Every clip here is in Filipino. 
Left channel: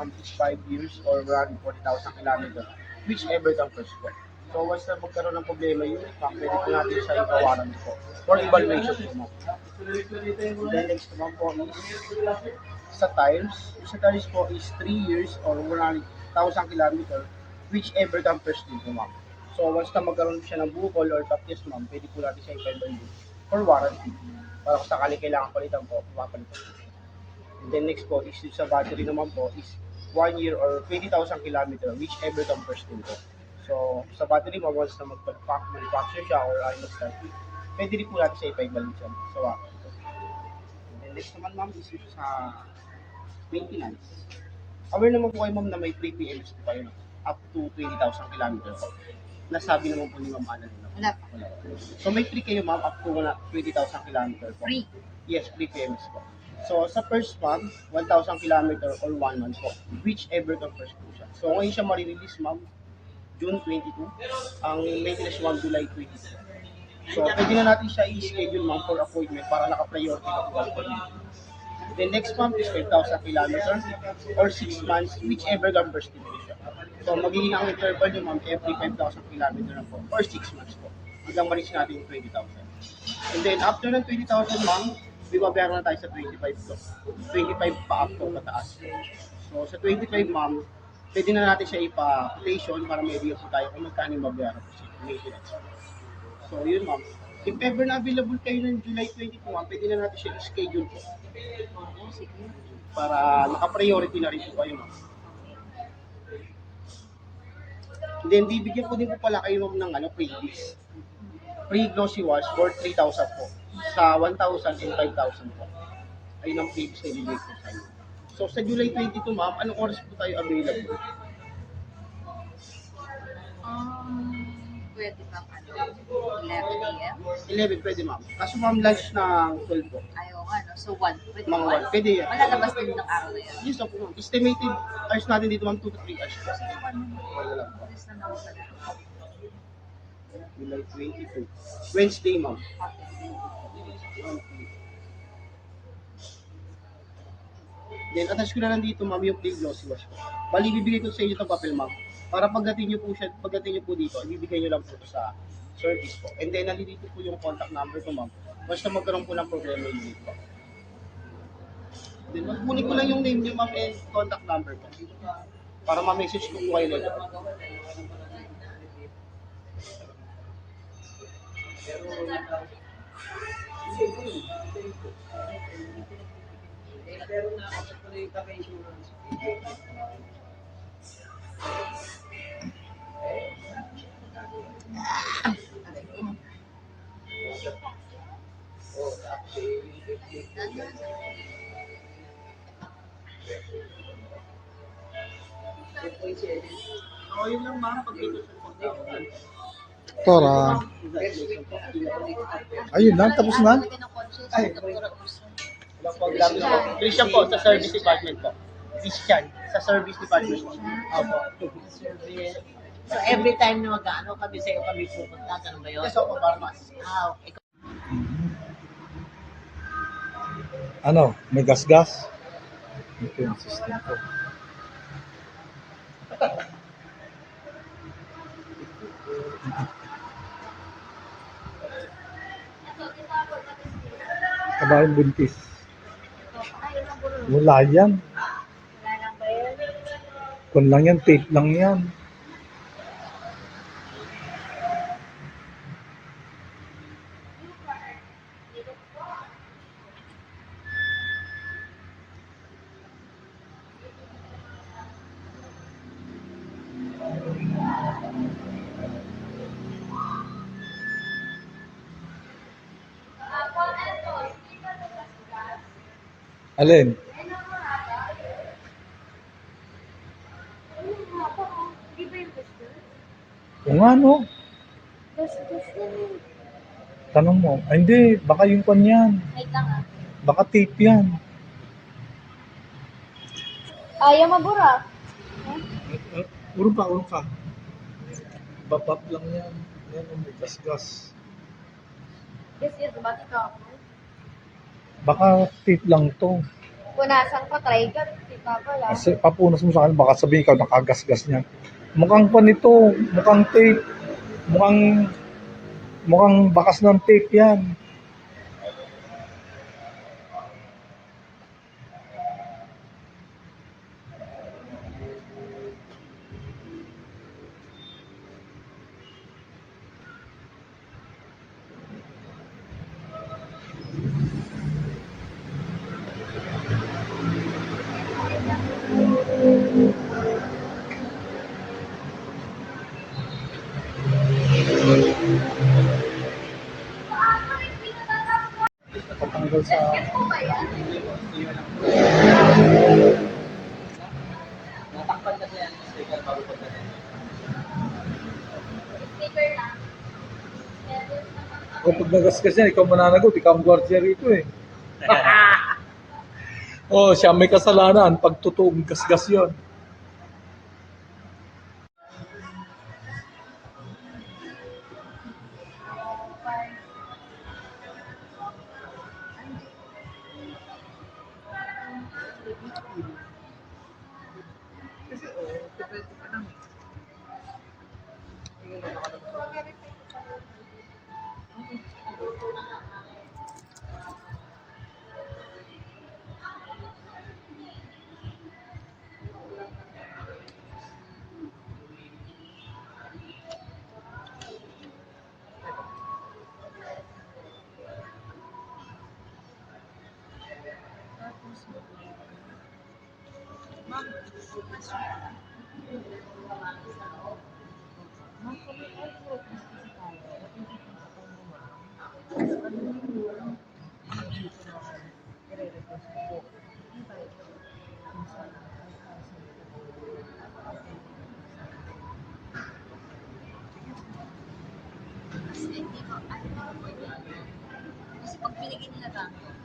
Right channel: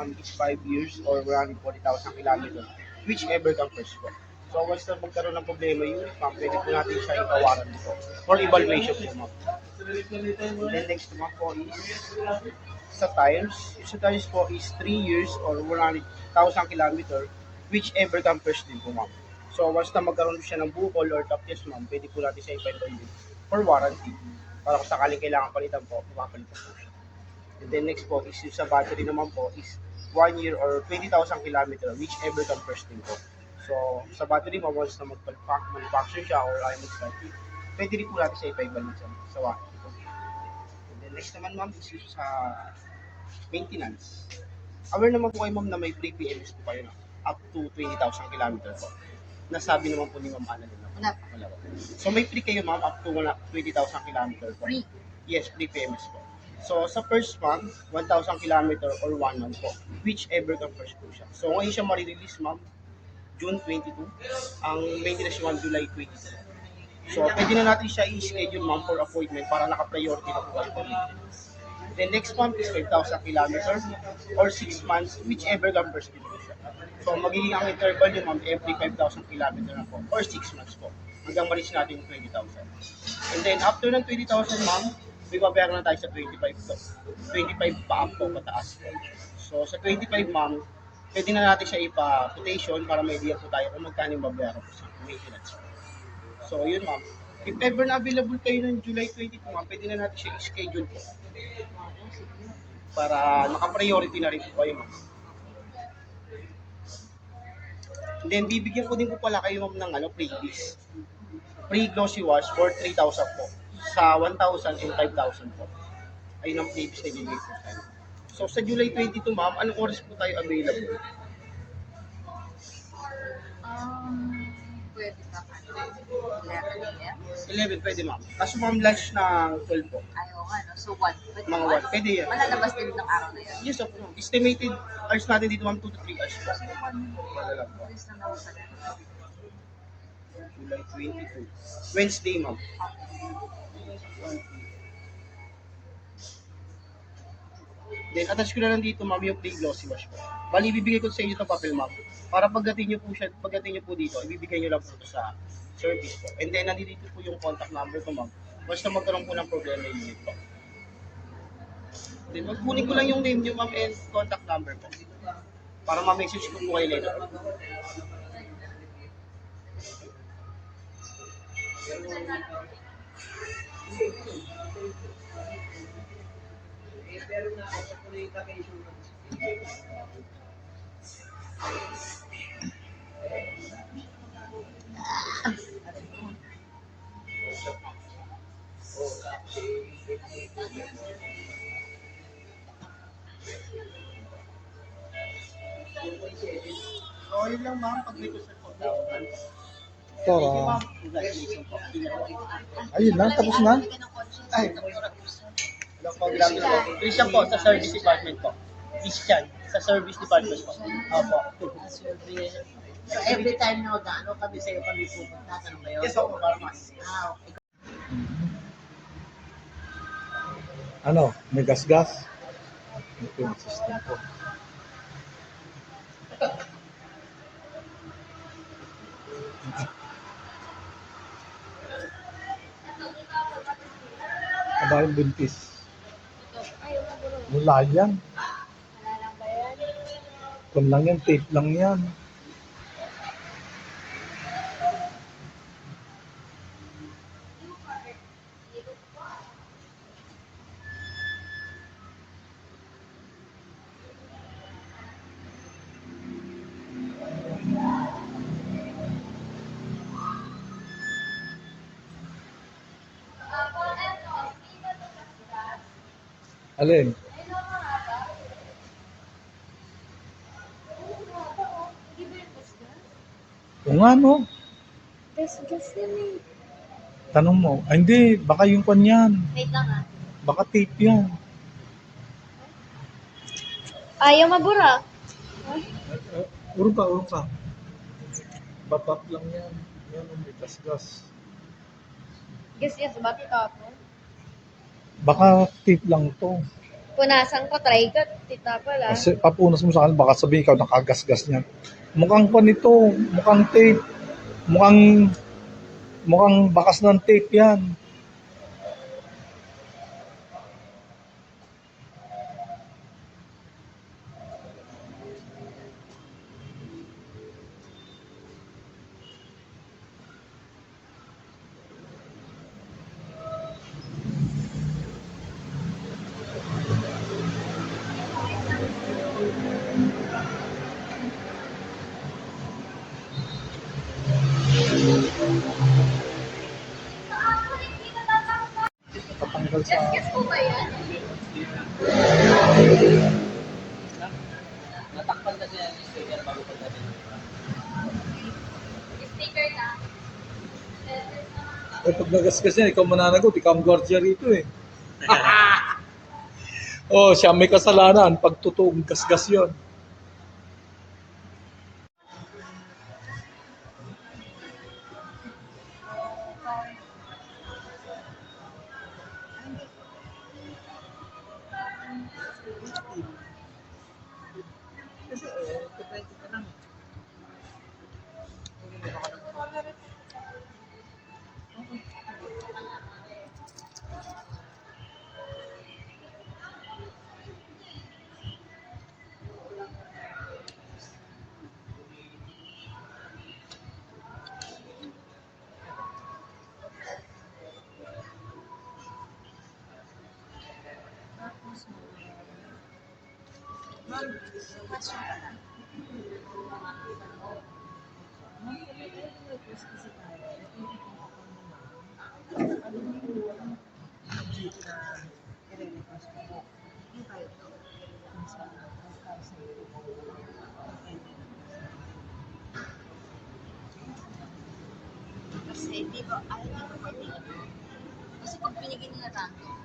ma'am is 5 years or 140,000 kilometers, whichever comes first po. So once na magkaroon ng problema yun, ma'am, pwede po natin siya ipawaran po for evaluation po, ma'am. And then next naman po is sa tires. Yung sa tires po is 3 years or 100,000 kilometer, whichever comes first din po, ma'am. So once na magkaroon siya ng bukol or top test, ma'am, pwede po natin siya ipa-evaluate for warranty. Para kung sakali kailangan palitan po, mapapalitan po siya. And then next po is yung sa battery naman po is 1 year or 20,000 kilometer, whichever comes first din po. So sa battery mo, once na manufacture siya or ay mag-start, pwede rin po natin siya ipa-evaluate sa warranty. And then next naman, ma'am, is yung sa maintenance. Aware naman po kayo, ma'am, na may free PMS po kayo, no? Up to 20,000 kilometers po. Nasabi naman po ni Ma'am Ana na. Wala pa. Wala po. So may free kayo, ma'am, up to 20,000 kilometers po. Free. Yes, free PMS po. So sa first month, 1,000 kilometer or 1 month po. Whichever comes first po siya. So ngayon siya marirelease, ma'am, June 22. Ang maintenance naman July 22. So pwede na natin siya i-schedule, ma'am, for appointment para naka-priority na po kayo. The next month is 5,000 kilometers or 6 months, whichever comes first din po siya. So magiging ang interval niyo, ma'am, every 5,000 kilometers na po or 6 months po. Hanggang ma-reach natin yung 20,000. And then after ng 20,000, ma'am, may babayaran na tayo sa 25 to. 25 pa up po, pataas po. So sa 25, ma'am, pwede na natin siya ipa-quotation para may idea po tayo kung magkano yung babayaran po sa maintenance. So yun, ma'am. If ever na available kayo ng July 22, ma'am, pwede na natin siya i-schedule po. Oo, sige. Para naka-priority na rin po kayo, ma'am. And then bibigyan ko din po pala kayo, ma'am, ng freebies. Free glossy wash for 3,000 po. Sa 1,000 and 5,000 po. Ayun ang freebies na ibigay ko sa inyo. So sa July 22, ma'am, anong oras po tayo available? Pwede ba 11 a.m.? 11, pwede, ma'am. Kaso, ma'am, lunch ng 12 po. Ayaw nga, no? So 1. Pwede Mga 1, 1? pwede yan. Malalabas din ng araw na yun. Yes, opo, ma'am. Estimated hours natin dito, ma'am, 2 to 3 hours po. Sige, 1. Wala lang po. Alis na naman pala. July 22. Wednesday, ma'am. Then, attach ko na lang dito, ma'am, yung free glossy wash ko. Bali, bibigay ko sa inyo itong papel, ma'am. Para pagdating nyo po dito, ibibigay nyo lang po ito sa service po. And then, nandito po yung contact number ko, ma'am. Basta magkaroon po ng problema yung unit po. Then, magkunin ko lang yung name nyo, ma'am, and contact number po. Para ma-message ko po kayo later. So, yun lang, ma'am, pag may gusto po. Tora. Congratulations po. Ayun lang, tapos na. Ay, hello po, grabe po. Christian po, sa service department po. Christian, sa service department po. Opo. So every time na mag-ano kami sa'yo kami pupunta, ano ba yun? Yes, opo, para mas. Ikaw. Ano, may gas-gas? Ito yung system ko. Aba yung buntis. Wala yan. Wala lang ba yan? Kung lang yan, tape lang yan. Alin? O nga no, tanong mo. Ay, hindi, baka yung pan yan. Wait lang Baka tape yan. Ayaw mabura. Urong ka, urong ka. Babap lang yan. Yan, may gas-gas. Yes, bakit ako? Baka tape lang to. Punasan ko, try ko, tita pala. Kasi papunas mo sa akin, baka sabihin ikaw nakagasgas niyan. Mukhang pa nito, mukhang tape, mukhang bakas ng tape yan. Patanggal sa... Guess po ba yan? Natakpan na yan yung sticker bago ko na. Sticker na. O pag nagasgas yan, ikaw mananagot, ikaw ang gwardiya rito eh. Oh, siya may kasalanan pag totoong gasgas yun. Kasi depende pa lang. Sige, baka nagpapalala. Ma'am, question pa lang. Ma'am, kung may health workers kasi tayo, napipitin mo ma'am, ano yung dito na i-request ko po? Ano tayo ito? Kung sa 5,000 po ang ending Kasi hindi ko, alam niyo kung pwede ano. Kasi pag binigyan nila random,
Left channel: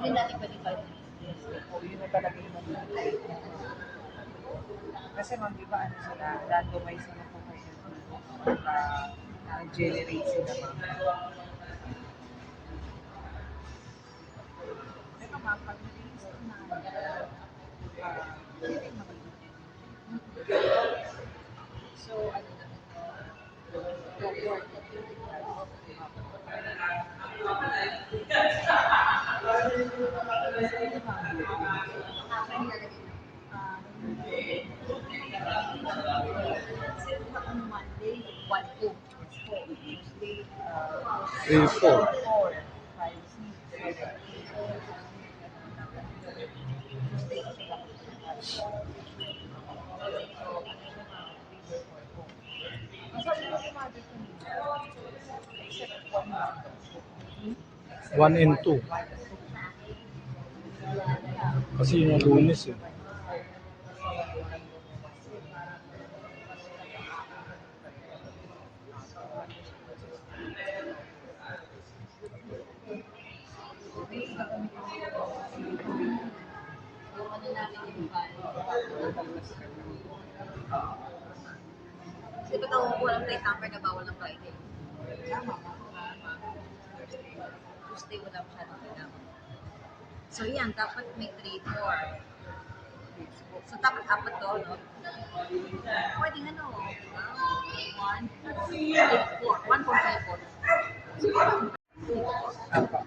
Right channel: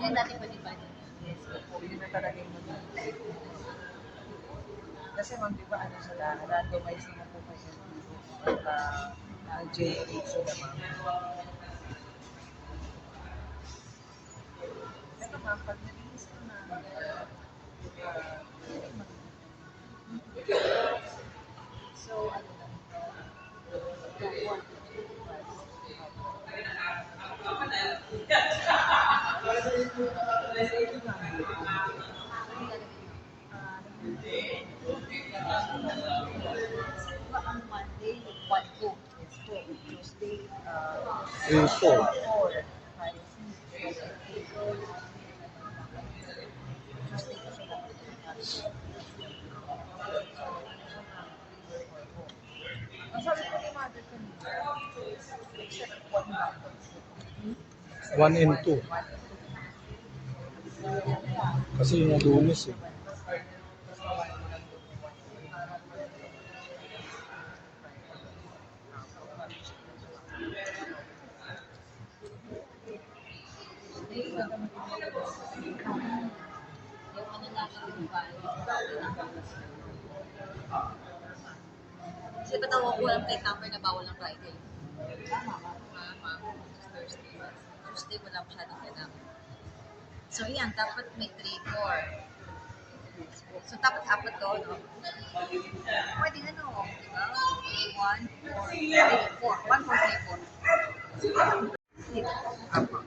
yun dati pwede pa rin. Yes, po. Yun na talaga yung mag-iintay ko. Kasi ma'am, di ba ano sila, randomize na po kayo dito para generate sila ma'am. Pero ma'am, pag nag-release ko na, yun yung magiging. So, ano na, work na Kasi diba ang Monday, 1 po. yes po. Tuesday, 3, 4. 4, 5, 6, 7, 8. So, Tuesday kasi dapat mag-catch. So, ano ito nga, 3 or 4 po. Ang sabi ko ni mother kanina, except one random. 1 and 2. Kasi yun ang Lunes eh. Yung ano natin yung file. Kasi ba't ako walang plate number na bawal ng Friday? Tama ka. Diba, ma'am? Thursday. Tuesday wala masyadong kailangan. So yan, dapat may 3, 4. So dapat apat to, no? Pwedeng ano, di ba? 1, 4, 3, 4. 1, 4, 3, 4. Dito po. Apa.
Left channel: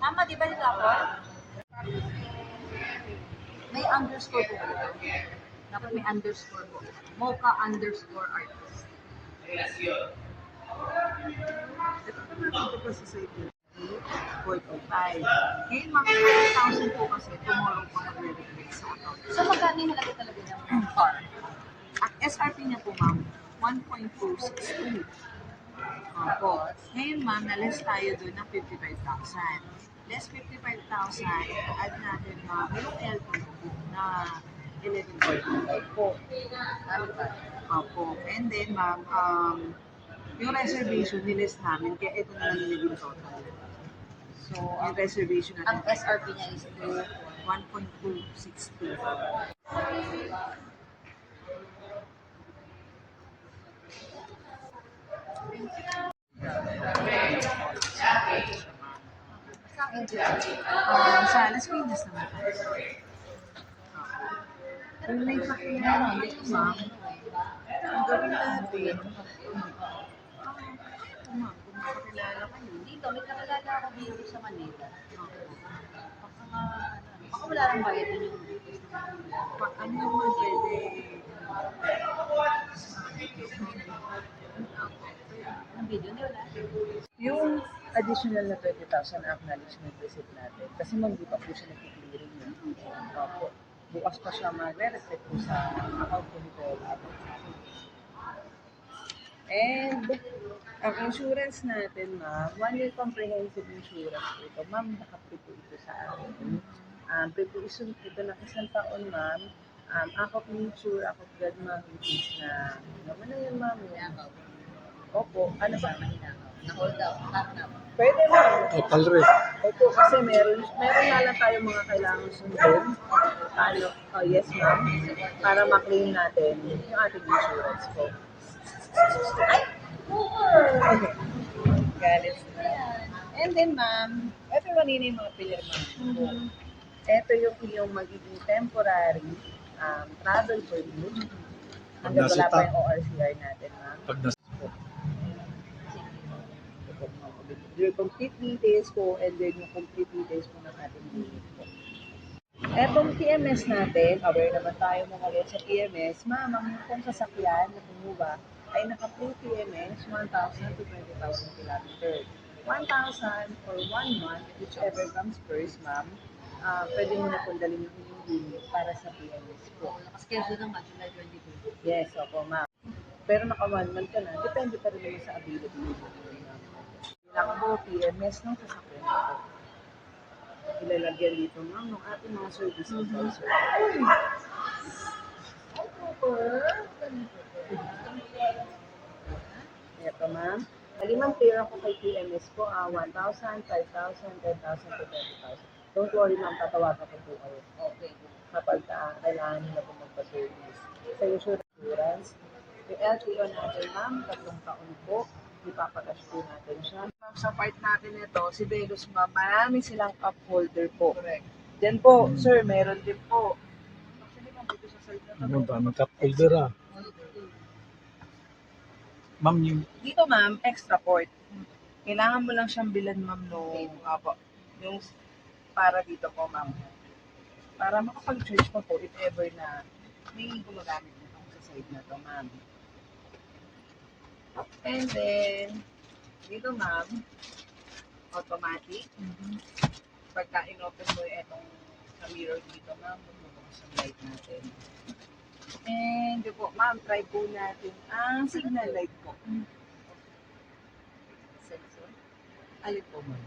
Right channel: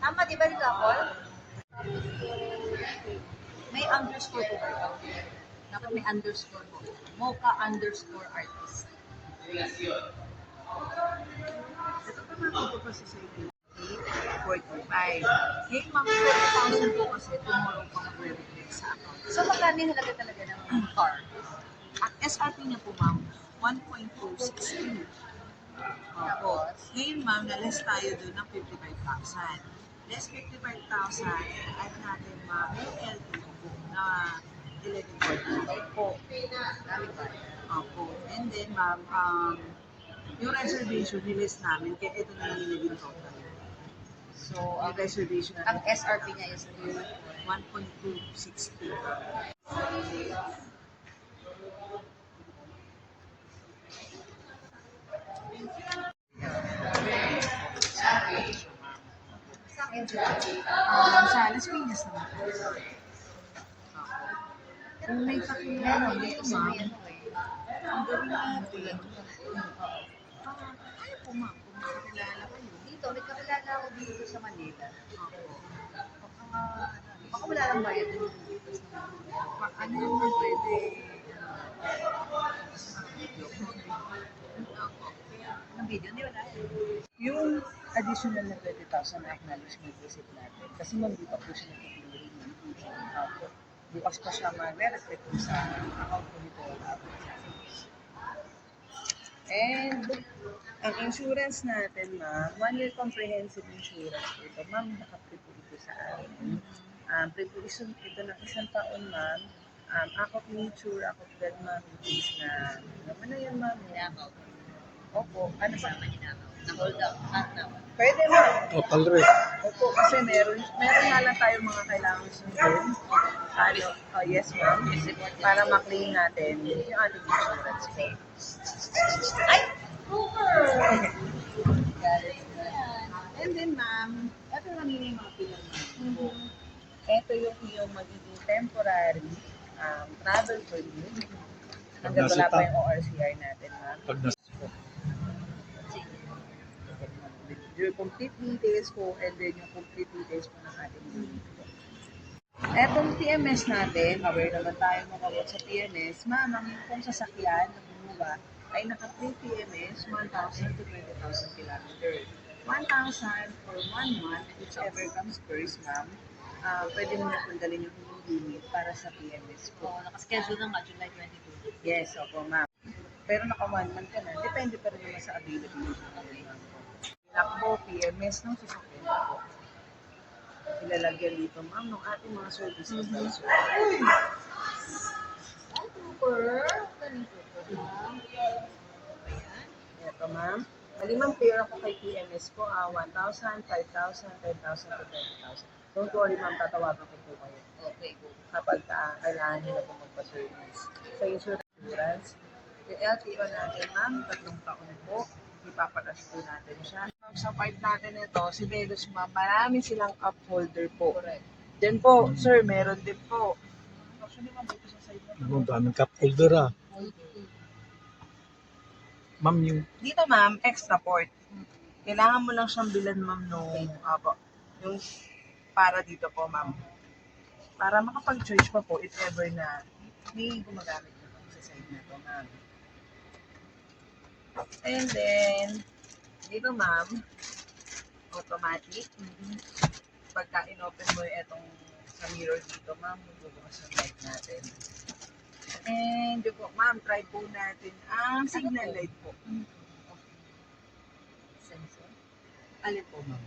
Tama, di ba dito ako? May underscore po dito. Dapat may underscore po. Mocha underscore artist. Ito pa mga ito pa sa site 8.5. Ngayon, mga 20,000 po kasi tomorrow pa magre-reflect sa account. So magkano yung halaga talaga ng car? Ang SRP niya po, ma'am, 1.262. Opo. Ngayon, ma'am, na-less tayo doon ng 55,000. Less 55,000, add natin, ma'am, yung L2 po na 11.45 po. Opo. And then, ma'am, yung reservation, nilist namin, kaya ito na lang nilaging total. So, Yung reservation ang natin, SRP niya is 1.262. Insurance. Sa Las Piñas naman po. Kung may kakilala dito, Gusto ma'am, may ano eh. ang gawin natin, kaya po ma'am, kung makakilala kayo, Dito, may kakilala ako dito sa Manila. ako, Baka wala lang bayad dun yung ano naman pwede, sa video ko, ako, ng video, hindi wala. Yung additional na 20,000 na acknowledgement receipt natin, kasi ma'am, di pa po siya nag-clearing. Opo. Bukas pa siya magre-reflect po sa account ko nito. And ang insurance natin, ma'am, 1-year comprehensive insurance po ito. Ma'am, naka-pre po ito sa amin. Pre po ito ng 1 taon, ma'am. Ako of nature, ako of God, ma'am, in case na, naman na yun, ma'am. Hinakaw. Opo, ano ba? Na-hold up. Pwede, ma'am. Kapal rin. Opo, kasi meron nga lang tayo mga kailangan sundin. Ano, yes ma'am, para maklaim natin yung ating insurance po. Galit. And then ma'am, ito kanina yung mga pinirma po. Ito yung iyong magiging temporary travel permit. Hanggang wala pa yung ORCR natin, ma'am. Pag nas Your complete details po and then yung complete details po ng ating unit po. Etong TMS natin, aware naman tayo mga boss sa TMS, ma'am, ang pong sasakyan na kumuha ay naka-free TMS 1,000 to 20,000 kilometer. 1,000 for 1 month, whichever comes first, ma'am, pwede mo na pong dalhin yung inyong unit para sa TMS po. Nakaschedule na nga, July 22. Yes, opo, ma'am. Pero naka 1 month ka na, depende pa rin naman sa availability mo, ma'am. Lakbo, PMS ng sasakyan po. Ilalagyan dito, ma'am, ng ating mga service advisor. Ito, ma'am. Malimang clear ako kay PMS po, 1,000, 5,000, 10,000 to 20,000. Don't worry, ma'am, tatawagan ko po kayo Okay, go. kapag kailangan nyo na po magpa-service. Sa insurance, yung LTO natin, ma'am, 3 taon po. Ipapadash po natin siya. Ma'am, sa part natin ito, si Delos, ma'am, marami silang cup holder po. Correct. Then po, sir, meron din po. Actually, ma'am, dito sa side na to. Ang daming cup holder ah. Ma'am, yung Dito, ma'am, extra port. Kailangan mo lang siyang bilan, ma'am, nung, yung para dito po, ma'am. Para makapag-charge pa po if ever na may gumagamit na po sa side na to, ma'am. And then, dito, ma'am, automatic. Pagka in-open mo yung etong sa mirror dito, ma'am, magbubukas ang light natin. And yun po, ma'am, try po natin ang signal light po. Sensor. Alin po, ma'am?